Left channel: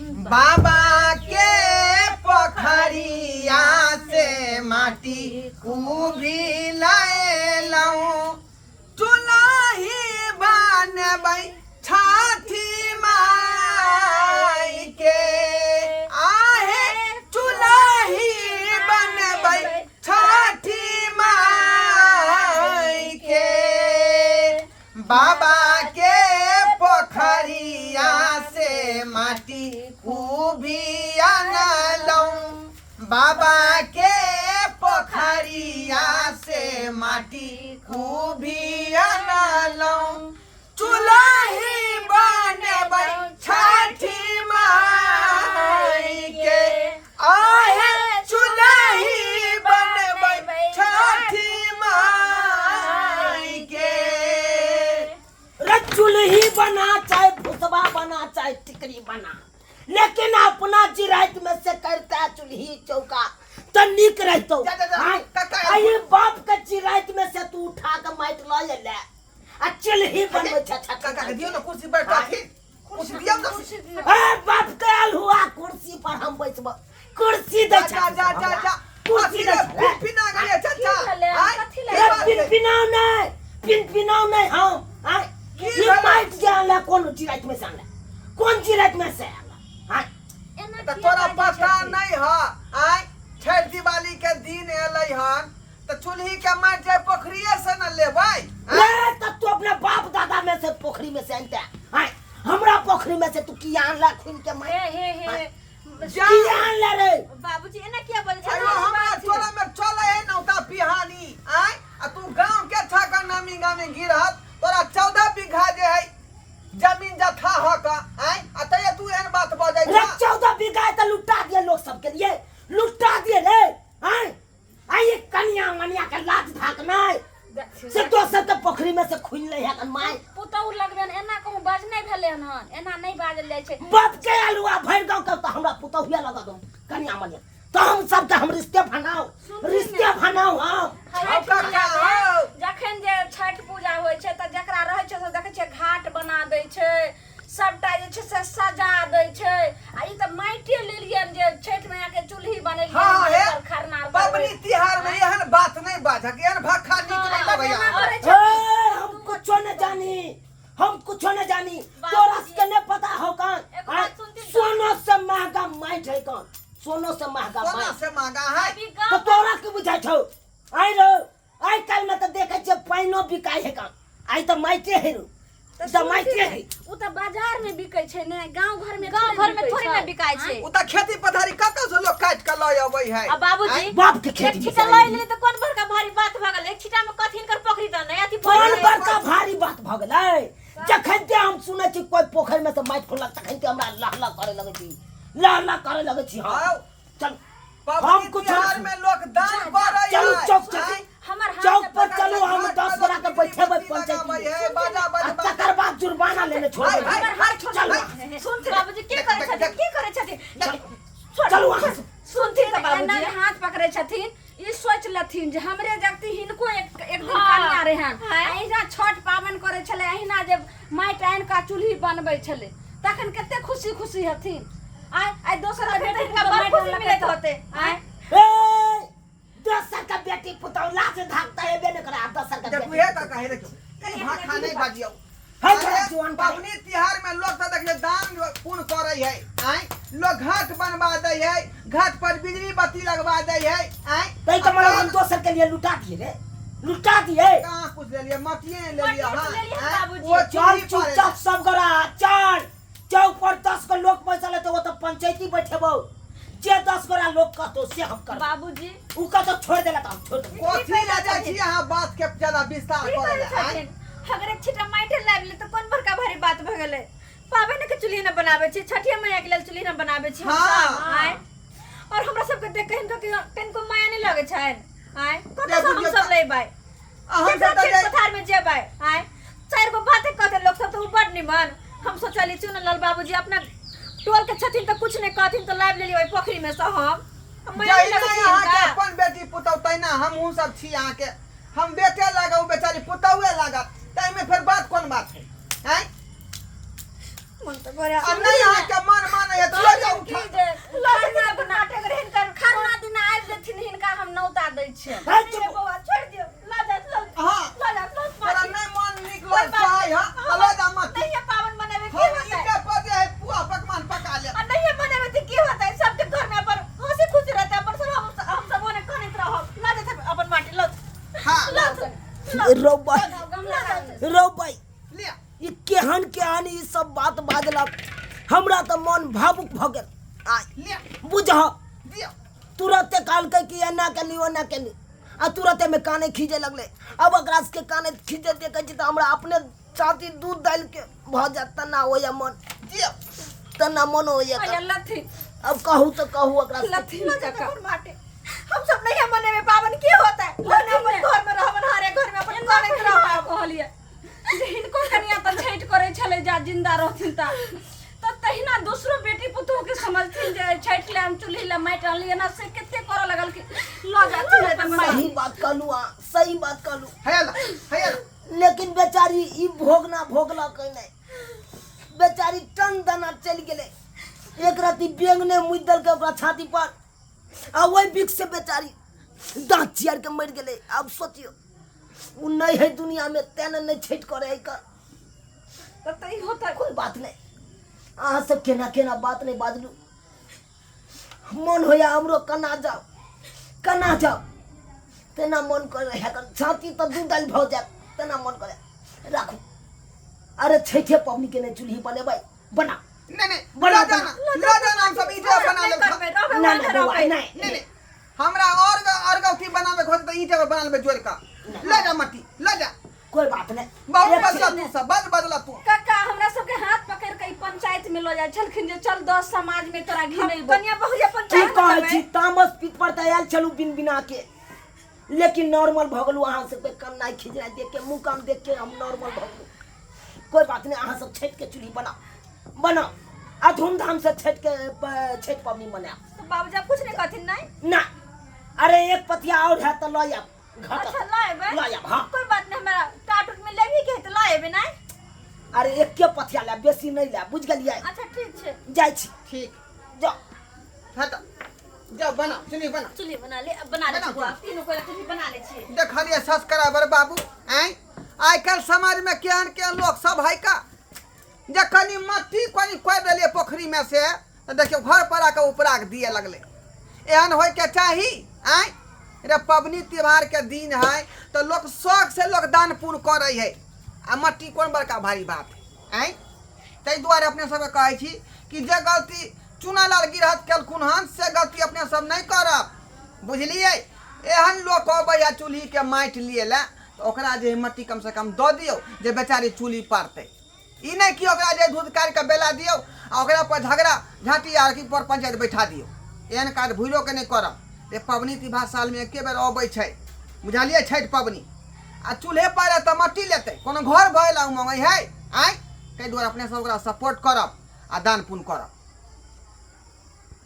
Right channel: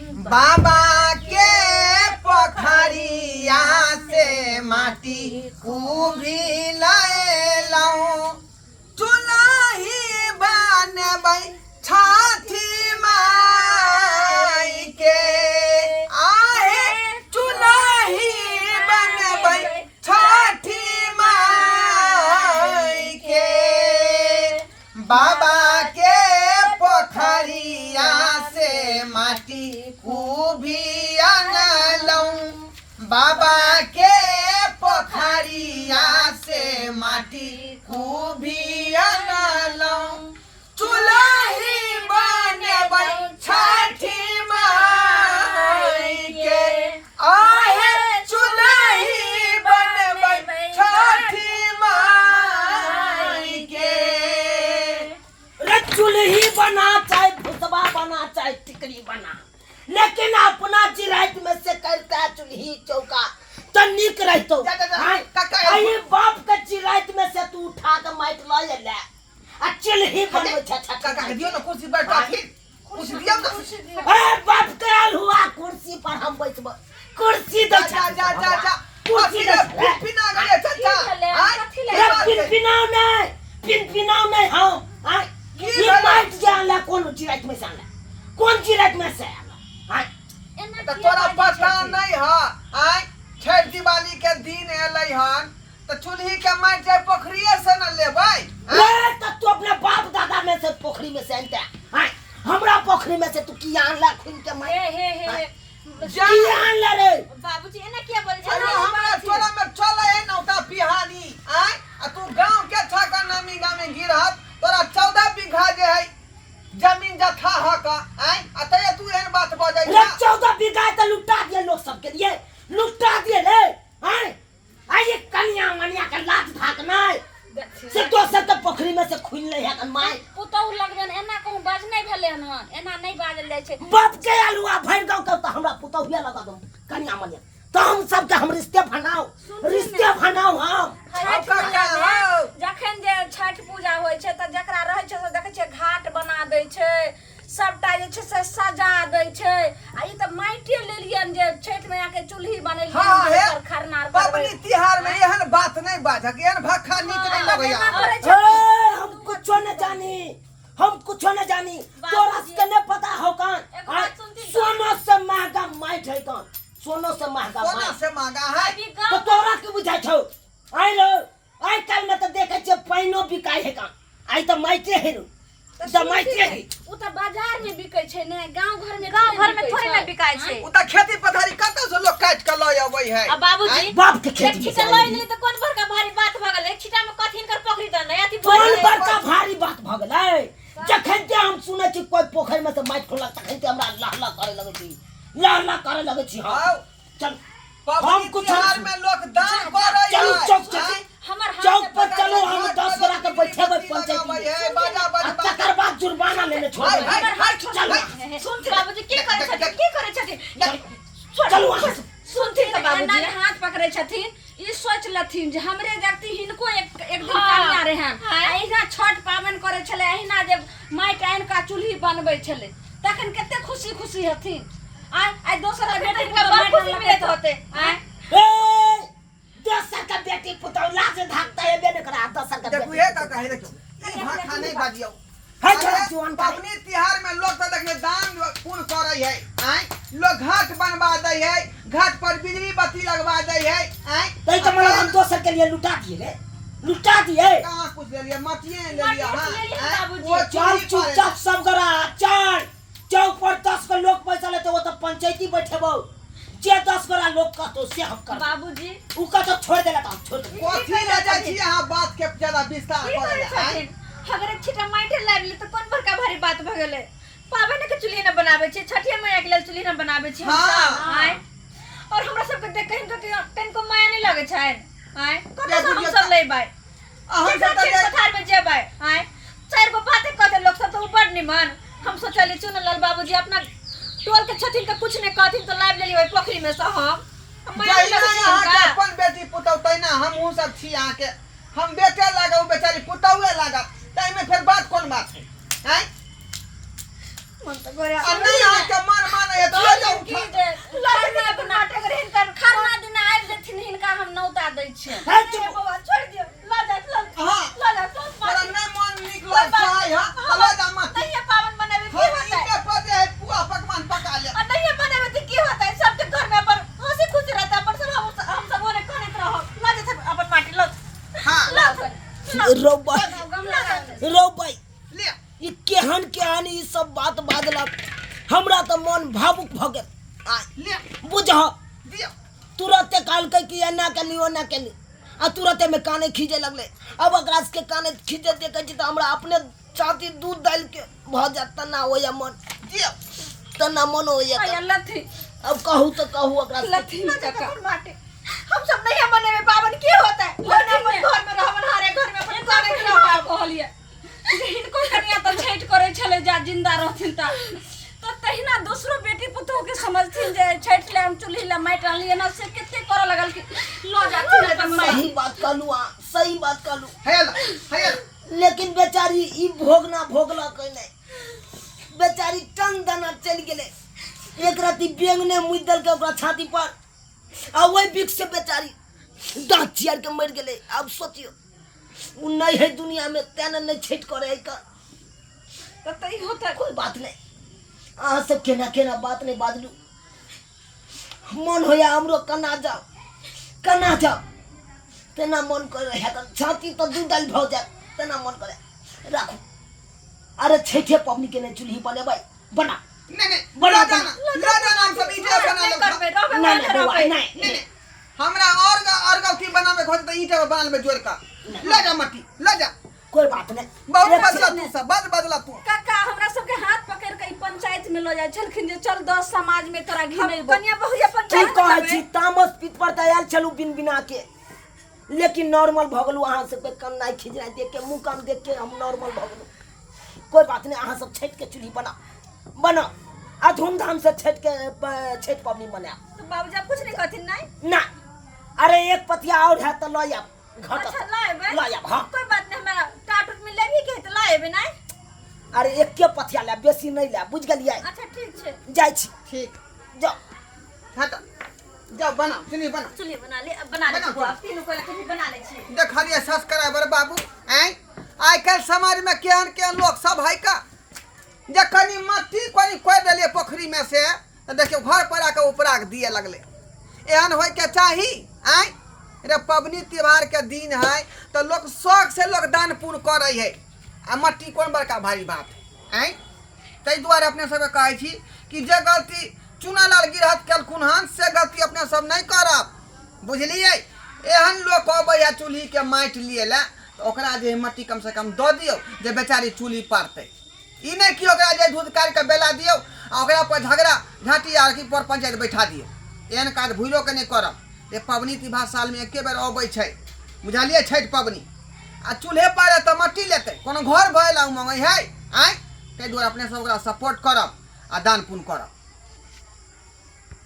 बाबा के पोखरिया से माटी उभी लऊ चुलही बनबै छठी माई के आहे चुलही बनबै छठी माई के बाबा के पोखरिया से माटी उभी अनलऊ बाबा के पोखरिया से माटी उभी अनलऊ चुलही बनबै छठी माई के आहे चुलही बनबै छठी माई के चूल्ही बना चाहे भुसबा बना चाहे टिकरी बना लेकिन अपना चिराइत में से करता चूल्ही चौका तो निक रहतो आई बाप के चिराइत में से तू उठा के माइट ल ले आ चूल्ही बनबै छ काका दियो ना कुर्सी पर बैठ कुर्सी दियो ना ए बाप के हुआ कुर्सी पर हम बैठब कुर्सी दे जा कुर्सी दे पिना गए चाचा पिनाओ नहीं हां आई ये माइट जाला कौन चिराइत में से आला कौन चिराइत में से आला हां तो तोरा पता नहीं है आई छठ दिवाली के दिन एलै हन तो चूल्ही के माइट जाय पोखरिए से न लेबै ए त तू अपने बाप दादा में से पोखरी में से आनता हां हमरा पोखरी में से तू की आनला खुन के माइट हे जान ले रे बाबूजी एना क्या बोल अरे हमरा टोला में चले है नौता पिहानी आई आ तू गांव के छका नामी गांव में गिरहत तोरा 14 बीघा जे है जमीन जथा ह का आई अतए तू एहन बात बजै रे 14 बीघा त लुटा दिए लोग सब के लिए लुटा दिए रे हैं आई ये कन्या मनिया के लात भाग नहीं से तो सब के पोखरी में से खुल ले है माय पुतौ लगबेन एना कहूं बाज नहीं भेले हन एना नहीं बाजल जाय छै बाप के अलुआ भर गांव के त हमरा पुतौहिया लगा दम कन्या मनिया तो हम सब के हम रिश्ते बनाओ हां जखन जे छठ पूजा होय छै त जकरा रहै छै से देखै छै घाट बना दै छै सबटा जे छै से सजा दै छै आ ई त माइटे लेलियन जे छठ में आके चूल्ही बनेलियन पर खरना पबनी तिहार में एहन बात नहीं बाजक एहन भक्खा निक नहीं लगै हम कुछ न जानी तोरा के ने पता हो कान सोनो से महंगा माइट है कान सोनो से महंगा सोना से महंगा है तो तोरा के बुझाइ छौ आई रो आई काल में तो देखे छ पाइनो बिकाय है कान आई तो माइटे है रो त माइटे है उ त बाजार में बिकै छै ने गांव घर में थोड़ी ना बिकाय छै उ त खेती पथारी कतौ से लोग काट के लय आबै है आ बाबूजी बाप के खेती छिटा लय नहीं त कोन बड़का भारी बात भ गेल एक छिटा में कथिन कर पोखरी त नहीं अथी कोन बड़का भारी बात भ गेलै जखन के हम सुनै छी कोई पोखरी में से माइट खोलक तखन के हमरा लहला करे लगै छी हां चल हम कुछ में लोग दान करे चलो चौक चौक पर चलो हम 10 बरा के बैठेबै पंचायत में तकर बाद जुर्माना लेने छोड़बै चलो सुन बाबूजी की करे छथिन चलो सुनथिन त बाबूजी हाथ पकड़े छथिन ई सोच लथिन जे हमरे जगती हिनको एक दिन कन्या रहन एहिना छठ पावन करे छले एहिना जे माइट आइन का चूल्ही बनबै छले तखन कते खुशी हथिन आई दोसरा बेटी का माइट लगत होते आई दोसर का बेटी पुतौला से भागता है बेने करा दोसर का देखू हे का कहे देखो कहीं भाखा नहीं बाजियो है जवान पबनी तिहार में लोग त देखले दान पुण्य करे है आई लोग घाट बनवा दे है घाट पर बिजली बत्ती लगवा दे है आई तई तो मतलब हम दोसर के लिए लुटा दिए कहां कुछ ले लिया मटिए ले लिया हां वो चल चुपचाप सब करा चल चौक पर 10 को लोग पैसा ले तो वो तो पंचायती बैठेबो जे 10 गोरा लोग का तो से हम कर बाबूजी उ का तो छोड़ देला त छोड़ दे कोथी ले जाय छी यहां बात के ज्यादा विस्तार करे है अगर एक छिटा माइटे लाबली तो कोन बड़का भारी बात भ गेलै पावन के चूल्ही न बनावे छी छठिया में एक लेल चूल्ही न बनावे छी हां और हमरा सब के देख कहीं तो तनको माया नहीं लगे छै आय कत हम सब लेबै अहाँ सब पथार में जेबै आय चार गो बातें कहते लोग सब तो ऊपर निमन हम सोचली चुनलाल बाबूजी अपना टोल के छथिन तो कुछ नहीं कहथिन तो लाइव लेली ओइ पोखरी में से हम अपन बेटी पुतौ तैना हमहू सब छी यहां के हम बेटे लागौ बेचारी पुतौए लागत तै में फिर बात कोन बात है हैं मन तो गोरे अब नहीं यहां के मन माने है तो रो भाई ले ई केहन ई सब बात बाजलक हमरा तो मन भावुक भ गेल आय ले बुझह दियो तुरंते कहलकै कि एना केली ओना केली आ तुरंते में काने खींचे लगले अब एकरा के काने खींचे देखे छी तो हमरा अपने छाती दूध डाल के भ जात तना होया मन दियो तना मन होया लथी अब कहूँ तो कहूँ एकरा से लथी काका हम सब नहीं मने में पावन के होता है लोग अपन घर में रहवन हारे घर में अपन करे के रह कहलिए इनको कनिया तो छेट करे छले जा जिंदा रहथिन ता तो तहिना दूसरो बेटी पुतोह के समझथिन जे छेट ले हम चुल्ही ले माइट लिए ना से केते करे लगल कि लो जाथिन अपन माई सही बात कहलू सही बात कहलू हैला लेकिन बेचारी ई भोगना भोगला कोई नहीं बेचारी टन दना चल गेले एक राती बेंगने मुद दल के ओकरा छाती पर आ वही बिक से बेचारी दांत चियार के मर गेले अब सोचियो उ नहीं है दुनिया में तेने नहीं छेट करे है का तो तई होता कोई बात नहीं आ सब केना केना बात नहीं बाजलू मन होया हमरो कना जाओ तेना मन करे है कर छाती तो दूध डाल भ जाए तेना मन करे राखू अरे छेठे पबनी के नहीं चूल्ही बने भाई बना नहीं बना, ला जाना हम सब ईंटे बना लो नहीं हमरा और की बनावे खोज तो ईंटे बना ले जोड़ का ले जा मट्टी ले जा कोई बात नहीं बहुत बदला तू सब बदला तू काका हमरा सब के हाथ पकड़ के पंचायत में लो जाय छलखिन जे चल 10 समाज में तोरा घिनैबो कन्या बहुया ठीक पंचायत कहै छी तामस पीठ पर तैयार चलू बिन बिना के लेकिन नॉर्मल भगलू अहाँ से कोई कम नहीं खिजरा देख के मुंह काम देख के हम नॉर्मल भगलू कोई बात नहीं अहाँ सब छठ के चूल्ही बना आ धूमधाम से छठ पबनी मना तो बाबूजी कुछ नहीं कहथिन नहीं ना अरे एक पतिया और है तो लो या अच्छा लाएबे ला या हां कोई बात नहीं हमरा टाटूट में लेबी के तो लाएबे नहीं अरे एक के पतिया ले बेसी नहीं ले बुझ गेलियै अच्छा ठीक छे जाय छी ठीक जाओ हट जाओ बना चुनी बना चुल्ही बना ले तीनों को लकड़ी बना ले छे देखलिए सब्सक्राइबर बाबू आई कल समाज में केहन लोग सब है का जे कनी मट्टी कोई देलिए पोखरी में से तो देखियो घर पर आके उपराग दिए लगले एहन होय के चाही रे पबनी त्योहार के दिन है तो लोग शौक से लोग दान पुण्य करे है आ मट्टी कौन बड़का भारी बात तै दुआरे अपने सब कहे छी कि जे गलती चुनालाल गिरहत केलखुन हन से गलती अपने सब नहीं करब बुझलिए एहन लोग कहबै चूल्ही के माटि लिए ला तो ओकरा जे मट्टी कम से कम दऽ दियौ जे बेचारी चूल्ही पारतै ई नहीं कि ओकरा जे दूध काट के बेला दियौ आ ओकरा पर झगड़ा झाटी आर की पर पंचायत बैठा दियौ एहन काज भूलो के नहीं करब ये पबनी त्योहार साल में एके बेर अबै छै बुझलिए छठि पबनी आ चूल्हे पर तो मट्टी लेतै कोनो घर भइला मंगै है तै दुआरे अपने सब ओकरा सपोर्ट करब आ दान पुण्य करब।